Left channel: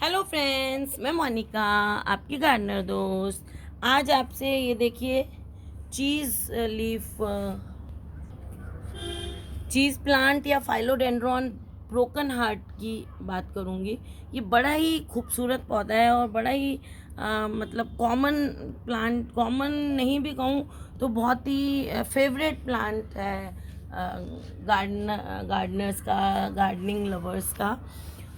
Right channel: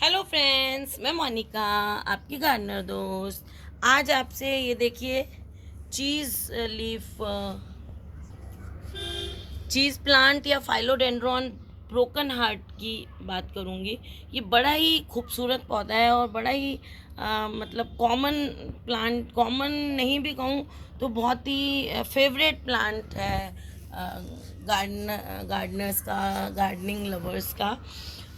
Hello friends, मैं मोनिका, आपकी gardener दोस्त। आज आपसे ये देखिए चीज़ लीफ चीज़ प्लांट या फाइलोडेंड्रॉन ब्रोकन हार्ट की बात करूँगी। ये बड़ा ही खूबसूरत पौधा है और बड़ा ही मतलब कॉमन प्लांट, कॉमन नहीं भी कहूँ तो बहुत ही फेवरेट प्लांट है गार्डनर्स का, गार्डनिंग लवर्स का।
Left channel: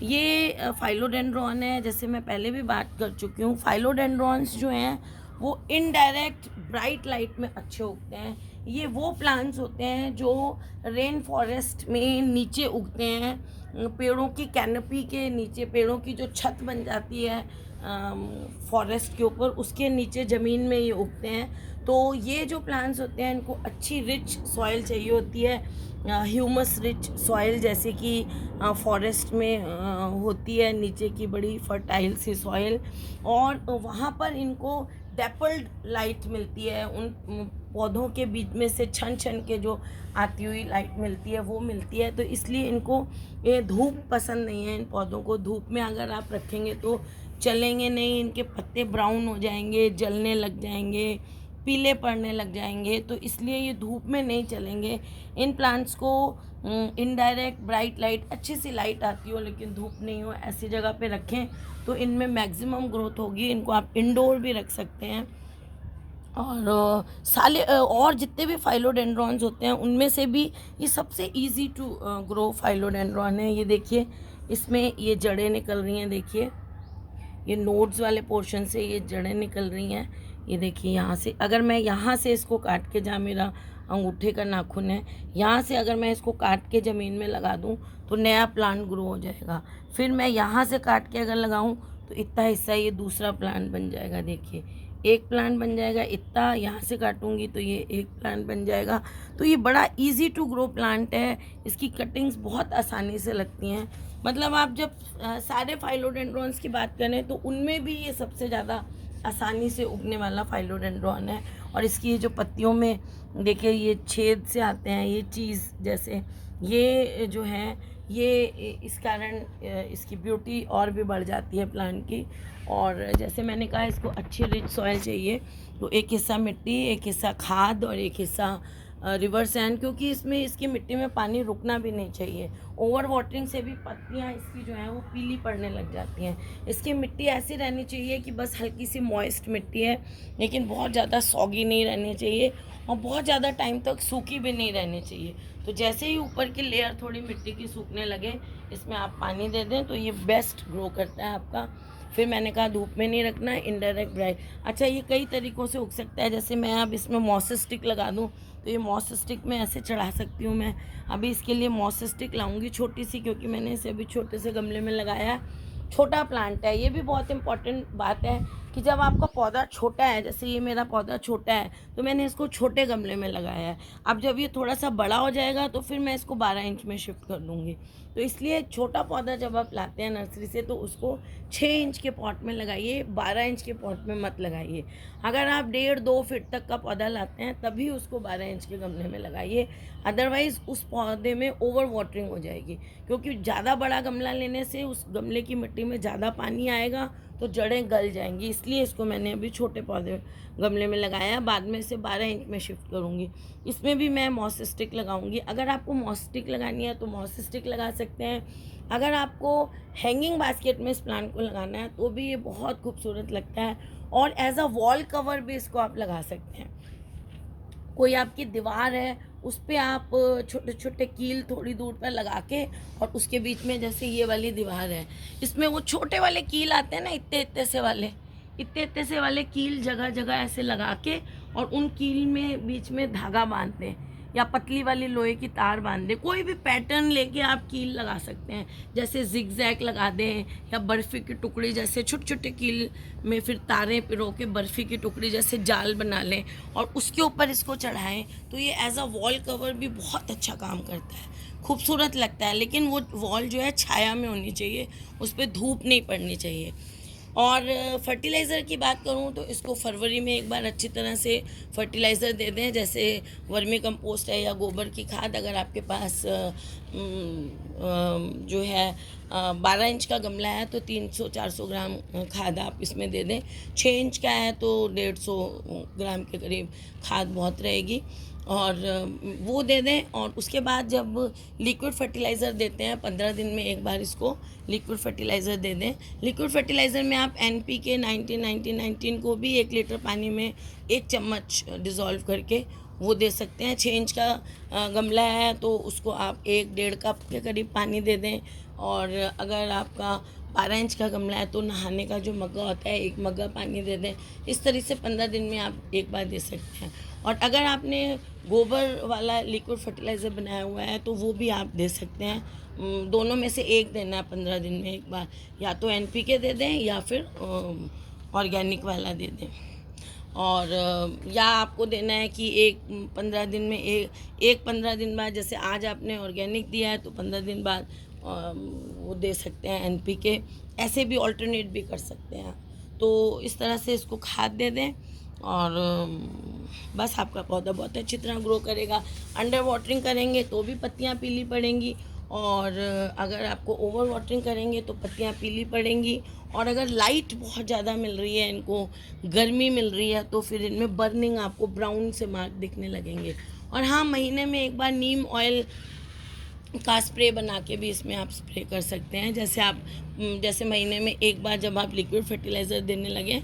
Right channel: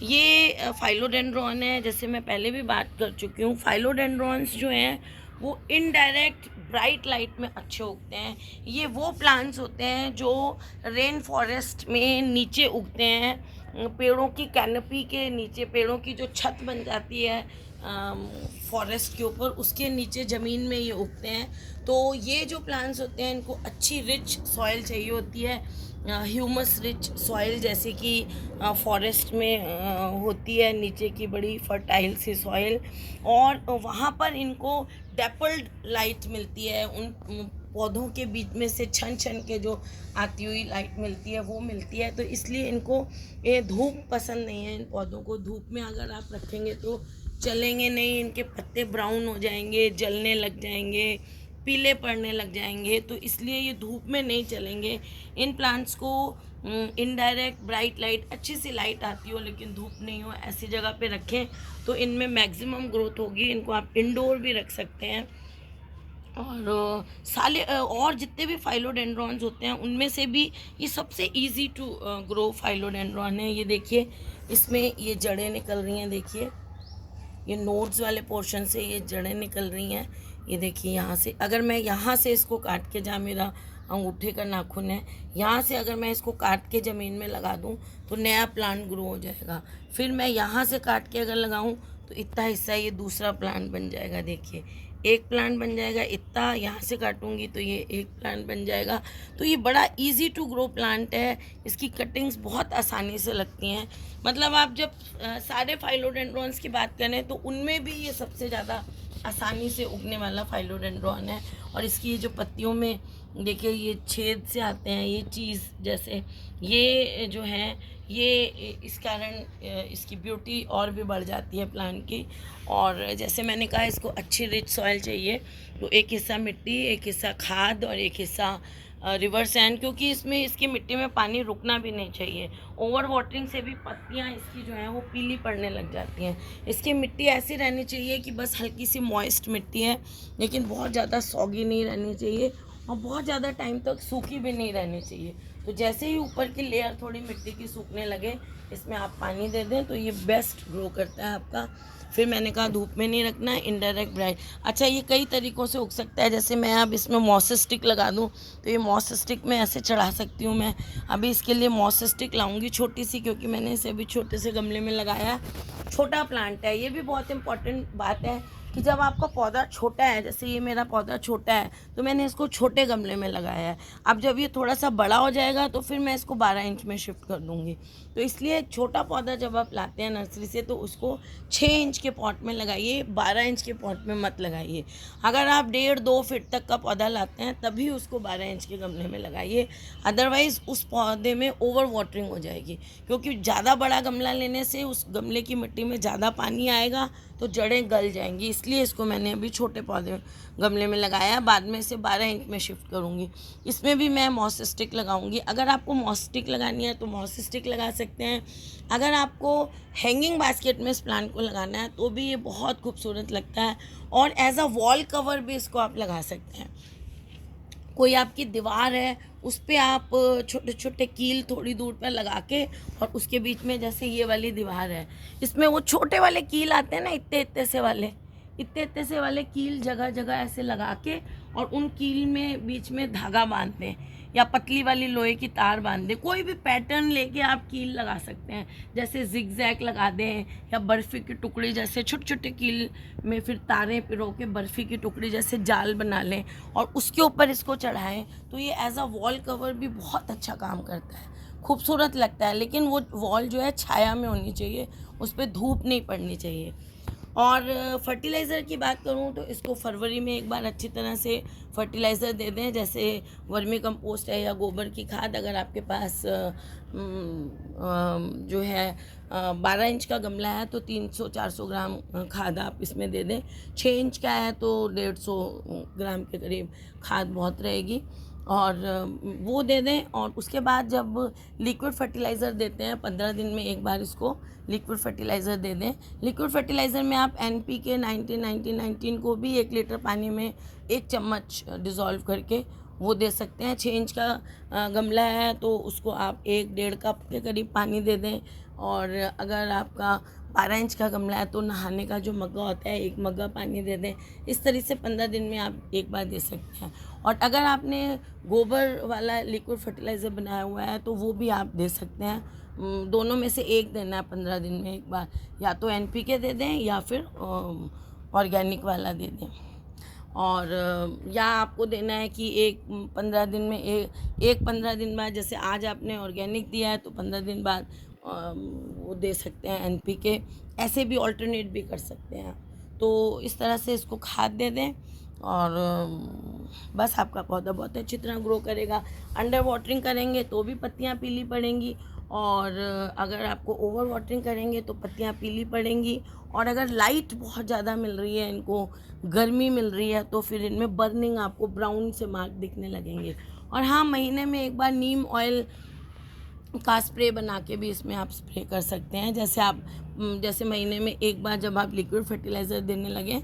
ये फाइलोडेंड्रॉन है। जैसे मैं पहले भी बात कर चुकी हूँ, फाइलोडेंड्रॉन्स जो हैं वो इनडायरेक्ट ब्राइट लाइट में अच्छे उगते हैं। ये वो प्लांट्स होते हैं जो रेन फॉरेस्ट में नीचे उगते हैं, पेड़ों की कैनपी के नीचे, पेड़ों की जो छत बन जाती है फॉरेस्ट के ऊपर, उसके नीचे ज़मीन में ये उगते हैं। तो ये जो प्लांट्स होते हैं इनको अच्छी रिच सॉइल चाहिए होती है, ह्यूमस रिच सॉइल, जैसे कि फॉरेस्ट में होती है नीचे की बड़ी फर्टाइल सी सॉइल। और वहाँ पर इनको डेपल्ड लाइट मिलती है, उन पौधों के बीच में से छन छन के जो आती हुई लाइट मिलती है वो मिलती है। तो इसलिए इनको ये धूप पसंद नहीं है। इन पौधों को धूप में अगर आप रखेंगे तो चलेंगे नहीं, इनके पत्ते ब्राउन हो जाएंगे, जलने लग जाएंगे, पीले पड़ने लग जाएंगे। तो इसलिए ये धूप में नहीं चलेंगे। इन प्लांट्स को इनडायरेक्ट ब्राइट लाइट, अच्छी सी लाइट आती हो लेकिन धूप नहीं हो, ऐसी जगह पे रखें तो इनमें मैक्सिमम ग्रोथ होगी। इनको आप इंडोर भी रख सकते हैं। और साले और जितने भी फाइलोडेंड्रॉन्स होते हैं उनमें से भी ये सबसे इजी टू ग्रो फाइलोडेंड्रॉन है। ये देखिए, इसमें ये जड़ें निकल रही हैं। देखिए, ये नोड्स वाले पोर्शन से ये जड़ें निकल रही हैं। ये देखिए, यहाँ से अगर मैं यहाँ से इसको काट के, जहाँ मेरा अंगूठे का नाखून है, यहाँ से अगर मैं इसको काट के ज़मीन में लगा दूँ तो नया प्लांट ग्रो हो जाएगा। फिर मैं यहाँ से काट के अगर लगाऊँ तो इतना हिस्सा ये दूसरा प्लांट बन जाएगा। देखिए, एक प्लांट बन जाएगा। इतना यहाँ से काटूंगी तो ये एक प्लांट बन जाएगा। तो ये बड़ा इजी टू ग्रो प्लांट है। इसकी कटिंग्स बहुत आसानी से लगती हैं। मतलब आप जब सारे फाइलोडेंड्रॉन्स की बात करें तो उनमें भी ये सबसे ज़्यादा आसानी से उगने वाला फाइलोडेंड्रॉन है। और इसकी ये जो पत्तियों में देखिए ये छेद से आते हैं, ये चीज़ जैसे, ये जो हैं ये इस कारण इसकी ब्यूटी और भी बढ़ जाती है प्लांट की। और जैसे मैंने कहा, इसको अच्छी रिच सॉइल चाहिए। तो एक हिस्सा मिट्टी, एक हिस्सा खाद और एक हिस्सा रिवर सैंड, क्योंकि इसमें इसकी मिट्टी में पानी रुकना भी नहीं चाहिए। ओवर वाटरिंग से भी पत्तियां इसकी जो हैं वो पीली पड़ने लग जाती हैं। इसकी मिट्टी ऐसी रहनी चाहिए कि बस हल्की सी मॉइस्ट मिट्टी है, लेकिन बहुत ज़्यादा सॉगी नहीं रहनी चाहिए और बहुत ज़्यादा टाइम तक सूखी भी नहीं रहनी चाहिए। तो जैसे ही ऊपर की लेयर थोड़ी मिट्टी की सूखने लगे, इसमें आप पानी दे दें तो ये बेस्ट ग्रो करता है आपका। फिर मैंने कहा धूप में नहीं रखना है, इनडायरेक्ट ब्राइट। अच्छा, ये कई तरीक़ों से उग सकता है। जैसे मैं अब इसमें मॉस स्टिक लगा दूँ तो ये मॉस स्टिक में ऐसे चढ़ा सकती हूँ मैं। अभी इसके लिए मॉस स्टिक लाऊंगी छोटी सी, क्योंकि मैंने इसे अभी छोटे से गमले में लगाया। छोटा प्लांट है। ये भी बहुत इंपॉर्टेंट बात है कि जब आपका पौधा छोटा है, जैसे ये मेरा पौधा छोटा है तो मैंने इसको छोटे गमले में लगाया है। अब जब ये थोड़ा सा बड़ा हो जाएगा तो फिर मैं इसको 12 इंच में शिफ्ट कर दूँगी। तो इसलिए छोटा पौधा जब आप लाते हैं नर्सरी से तो उसको 6 इंच के पॉट में लगाइए, 12 इंच के पॉट में मत लगाइए। अगर आप 1.5-2 फीट तक का पौधा लाते हैं तभी उसको 12 इंच के गमले में लगाइए। अदरवाइज़ उस पौधे में ओवर वाटरिंग हो जाएगी, क्योंकि ज़्यादा बड़ा गमला लेने से उस गमले की मिट्टी में ज़्यादा पानी आएगा तो जड़ें गल जाएंगी। इसलिए इसको मैंने अभी छोटे पौधे गमले में लगाया, बाद में इसे 12 इंच में शिफ्ट करूँगी। इसमें भी मैं मॉस स्टिक लगाऊंगी। अगर आपको मॉस स्टिक लगानी है तो मॉस स्टिक लगा सकते हैं। अगर आपको हैंगिंग बास्केट में इस प्लांट को लगाना है तो भी ये बहुत खूबसूरत लगता है। और एज अ वॉल कवर भी इसको आप लगा सकते हैं। कोई आपकी दीवार है उस पर आप छोटे छोटे कील थोड़ी दूर पर लगा के, और उसके बीच में, जैसे ये वाली दीवार है, इसमें वो छोटे वाले कील आते हैं ना, इतने इतने से वाले कील जगह जगह ऐसे लगा के, और उन कील में बीच में धागा बांध दें या पतली वाली लोहे की तार बांध दें। कोई भी पैटर्न लेके आप कील लगा सकते हैं। जैसे जिगजैग लगा दें या बर्फ़ी की टुकड़ी, जैसे छोटे छोटे कील में फिर तारें पिरो के बर्फ़ी की टुकड़ी जैसे जाल बना लें और उसके ऊपर इसको चढ़ाएं तो ये एज अ वॉल कवर भी बहुत अच्छा काम करता है, खूबसूरत लगता है। लेकिन वो वॉल जो है छाया में होनी चाहिए, उस पर धूप नहीं पड़नी चाहिए। और फर्टिलाइज़र की बात करूँ तो इसको फरवरी में एक बार अच्छी तरह से फर्टिलाइज़र दे दें, जैसे वर्मी कंपोस्ट है या गोबर की खाद। अगर आपके पास जो है 12 इंच का गमला है तो 300-400 ग्राम खाद आप इसमें दे दें। 6 इंच का है तो 150 ग्राम के करीब खाद बहुत रहेगी, और वो दे दें। और उसके बाद जब लिक्विड फर्टिलाइज़र देते हैं 15 दिन में एक बार इसको लिक्विड फर्टिलाइज़र दे दें। लिक्विड फर्टिलाइज़र में आप NPK 19-19-19 को भी 1 लीटर पानी में 1 चम्मच डिज़ोल्व करके वो दे सकते हैं। 6 इंच का गमला है तो उसको आप 1-1.5 कप के करीब पानी दे दें। और अगर आपका 12 इंच का गमला है तो नहाने का जो मग्गा होता है 1 मग्गा पानी दे दें। इस तरह से 15 दिन में आप एक बार दे सकते हैं। और अगर आपने गोबर वाला लिक्विड फर्टिलाइज़र बनाया हुआ है तो वो भी आप दे सकते हैं। दोनों में से एक देना है 15 दिन में एक बार, या तो NPK दे दें या फिर ऑर्गेनिक वाला दे दें। और या आपको देना है कि एक 15 दिन में एक 15 दिन बाद, जैसे आज आपने ऑर्गेनिक दिया है तो 15 दिन बाद वो दे सकते हैं NPK। ऐसे भी ऑल्टरनेट भी कर सकते हैं। तो इस तरह से इसको खाद दे दें और बस आपका पौधा बहुत अच्छी तरह ग्रो करेगा। अंडर वाटरिंग करेंगे तो भी पत्तियां पीली पड़ेंगी, और अगर आपको ओवर वाटरिंग करेंगे तो पत्तियां पीली पड़ेंगी। और अगर लाइट बहुत ज़्यादा मिल रही है, इनको गर्मी मिल रही है, तो फिर इनमें बर्निंग आपको ब्राउन से मार्क दिखने लगेंगे। और हाँ, महीने में एक बार नीम ऑयल का स्प्रे बना के भी इसमें आप स्प्रे कर सकते हैं। जैसे महीने में एक बार जब आप लिक्विड फर्टिलाइज़र देने लगें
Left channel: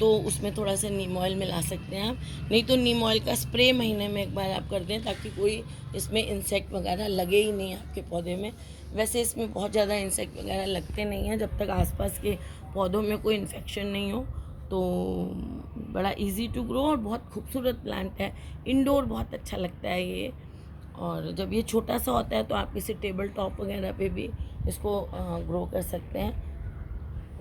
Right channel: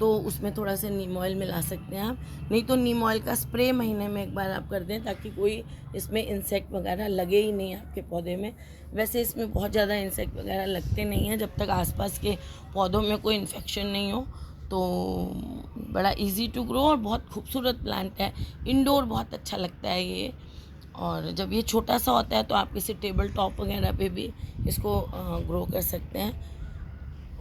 तो उसमें थोड़ा सा नीम ऑयल मिला सकते हैं आप। नहीं तो नीम ऑयल का स्प्रे महीने में एक बार आप कर दें, ताकि कोई इसमें इंसेक्ट वगैरह लगे ही नहीं आपके पौधे में। वैसे इसमें बहुत ज़्यादा इंसेक्ट वगैरह लगते नहीं हैं जब तक आसपास के पौधों में कोई इन्फेक्शन नहीं हो। तो बड़ा इजी टू ग्रो और बहुत खूबसूरत प्लांट है। इंडोर बहुत अच्छा लगता है ये। और जब ये छोटा सा होता है तो आप इसे टेबल टॉप वगैरह पे भी इसको ग्रो कर सकते हैं।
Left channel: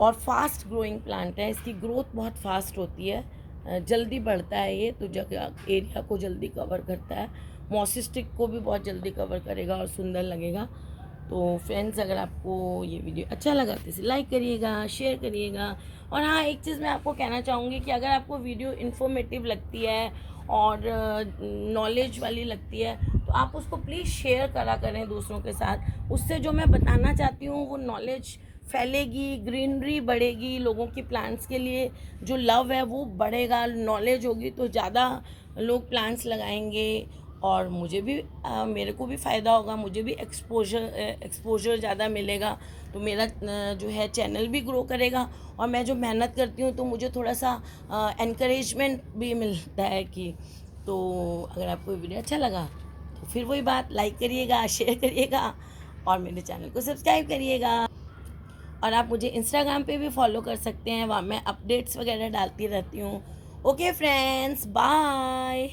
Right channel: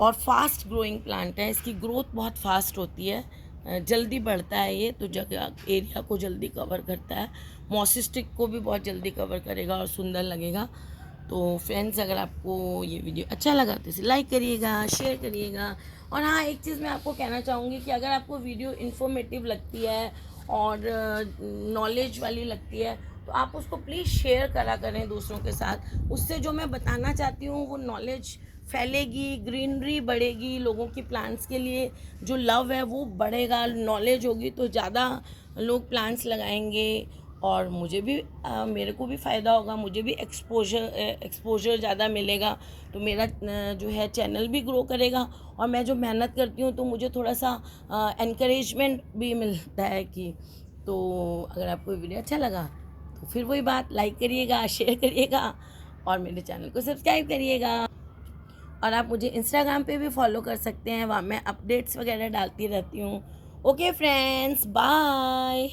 और फास्ट ग्रोइंग प्लांट है, इसकी ग्रोथ बहुत फास्ट होती है, जल्दी बढ़ता है ये, तो जगह एरिया को जल्दी कवर करता है। मॉसिस्टिक को भी बहुत जल्दी कवर करेगा और सुंदर लगेगा। तो फ्रेंड्स, अगर आपको ये वीडियो अच्छा लगा तो इसे लाइक करिएगा, शेयर करिएगा। और हाँ, एक चीज़ मैं आपको कहना चाहूँगी कि अगर आपको वीडियो इन्फॉर्मेटिव लगती है और नॉलेज वाली लगती है तो आप उसको प्लीज़ शेयर करा करें दूसरों के साथ। उससे जो मैं बताना चाहती हूँ वो नॉलेज फैलेगी, ग्रीनरी बढ़ेगी, लोगों की प्लांट्स के लिए जो लव है वो बढ़ेगा। नॉलेज होगी तो ज़्यादा लोग प्लांट्स लगाएंगे और मुझे भी मेरे को भी फ़ायदा होगा, मुझे भी एक्सपोजर ज़्यादा मिलेगा। तो मेरा जो है चैनल भी ग्रो करेगा, और मैं जो मेहनत करती हूँ तो मुझे थोड़ा सा एनकरेजमेंट भी मिलता है कि। तो अगर आपको वीडियो अच्छा लगा तो फिर वही बात, लाइक करिएगा, शेयर करिएगा और मेरे चैनल को सब्सक्राइब करिएगा। और आप मुझे इंस्टाग्राम पे भी फॉलो कर सकते हैं, वहाँ मैं अपडेट्स वगैरह डालती रहती हूँ। Okay friends, bye.